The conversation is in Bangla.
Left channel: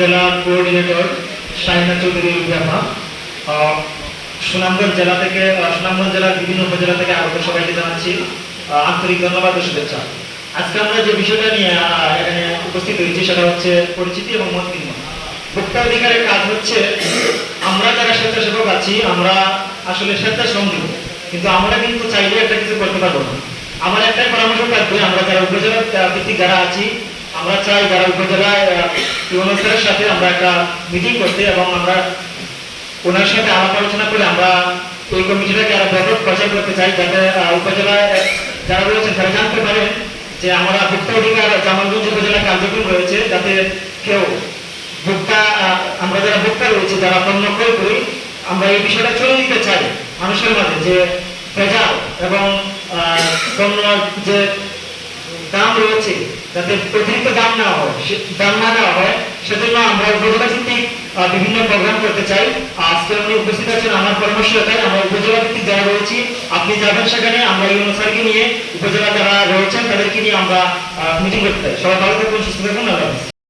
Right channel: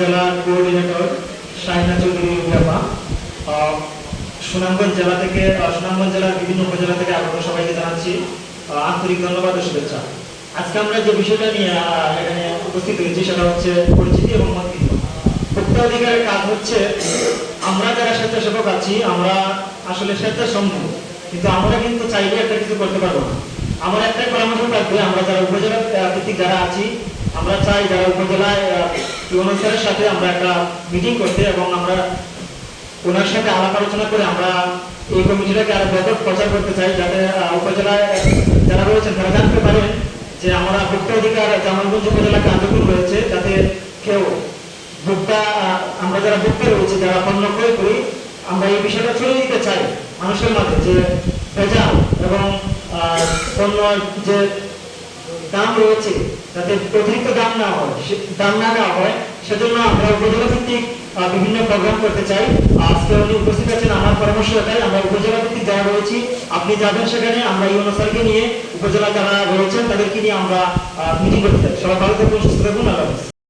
জেলার কোঅর্ডিনেটর চৌধুরী সুনামগঞ্জ জেলা থেকে সুনামগঞ্জ জেলার বিভিন্ন উপজেলা থেকে আমাদের সবাইকে জানাচ্ছি। আন্তরিক ধন্যবাদ ও শুভেচ্ছা। আজকে আমরা যে বিষয়টা নিয়ে এখানে উপস্থিত হয়েছি সেটা হচ্ছে পরিচিতি এবং ভোক্তা অধিকারের কাজ হচ্ছে, আমরা যারা স্বেচ্ছাসেবক আছি, আমরা আসলে স্বেচ্ছাসঙ্গী, কিন্তু আমরা কিন্তু চাইলে একটা কিছু করতে পারব না। আমার একটাই পরামর্শ থাকবে, আমরা যারা উপজেলা ভিত্তিক যারা আছি, আমরা চাই যারা উপজেলায় ইউনো স্যারের সাথে আমরা একটা মিটিং করতে এবং আমরা ওনার সাথে আলাপ আলোচনা করে আমরা এই কমিটিটাকে আরও ব্যাপক প্রচার করতে চাই যাতে আহ, যারা রয়েছেন তারা জানতে পারেন যে আমরা ভোক্তা অধিকার জামালগঞ্জ উপজেলা কার্যক্রম রয়েছে যাতে কেউ ভোক্তা আমরা যারা ভোক্তা রয়েছে যারা পণ্য ক্রয় করি আমরা এই বিষয়টা চলে দিতে চাই মানুষের মাঝে যে ভেজাল এবং পণ্য যে দাম রয়েছে, যাতে অতিরিক্ত দাম না হয় দাম না দেওয়া হয়, সেজন্য আমরা উপজেলা ভিত্তিক বিভিন্ন প্রোগ্রাম করতে চাই। আজকে উনি উপস্থিত আছেন আমার পরামর্শ এটাই আমরা উপজেলা ভিত্তিক যারা রয়েছি, আপনি যাবেন সেখানে, আমরা এই অনুসারকে নিয়ে উপজেলা যারা রয়েছেন, তাদেরকে নিয়ে আমরা মিটিং করতে চাই। সবাই ভালো থাকুন, সুস্থ থাকুন, আল্লাহ।